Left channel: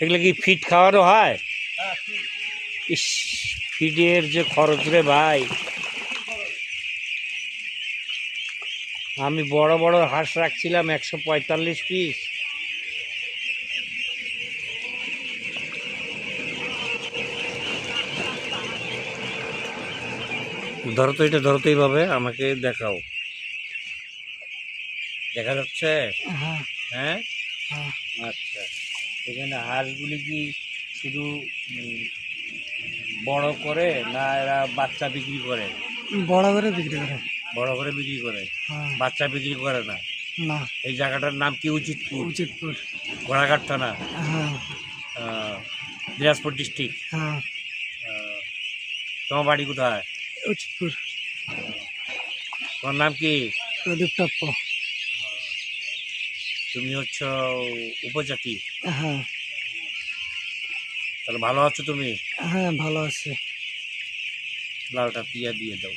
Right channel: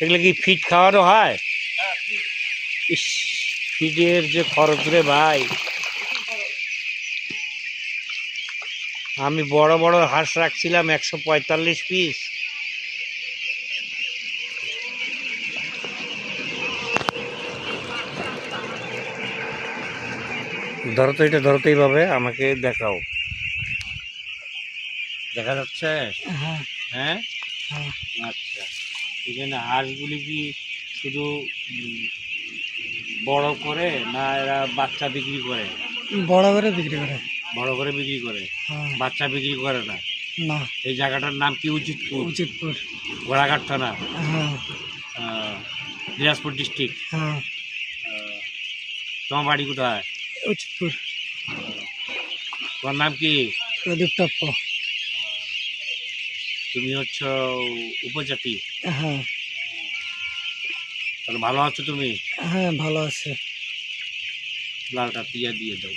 এগুলো কি ফিড খাওয়ানো হয়? ইস, ফিডের যে খরচ রে ভাই। আমি বড় বড় হাঁস রাখছিলাম 145 পিস। ধরো তো, এটা ধরো তো এইভাবে, আমাকে দেখাও। দেখা যাচ্ছে? হ্যাঁ হ্যাঁ, হ্যাঁ। আচ্ছা। এখানে হাঁসগুলি কি শুধু বড় করে, না এরা বাচ্চা বিক্রি করে? বড় করে বিক্রি করে। বড় করে বিক্রি করে, হ্যাঁ। বাচ্চা বিক্রি করে না? না। এই জায়গাটার নাম কি? উচিতপুর। উচিতপুর। ঘোড়াঘাট থানা, হ্যাঁ দিনাজপুর ডিস্ট্রিক্ট। হ্যাঁ। তোমার বাড়ি কোথায়? উচিতপুর। তোমার নাম কি? প্রদীপ টপ্প। তুমি হচ্ছে উপজাতি? হ্যাঁ। তাহলে ভালো আছো তুমি? হ্যাঁ ভালো আছে। লালটা টিয়া দিয়ে দাও।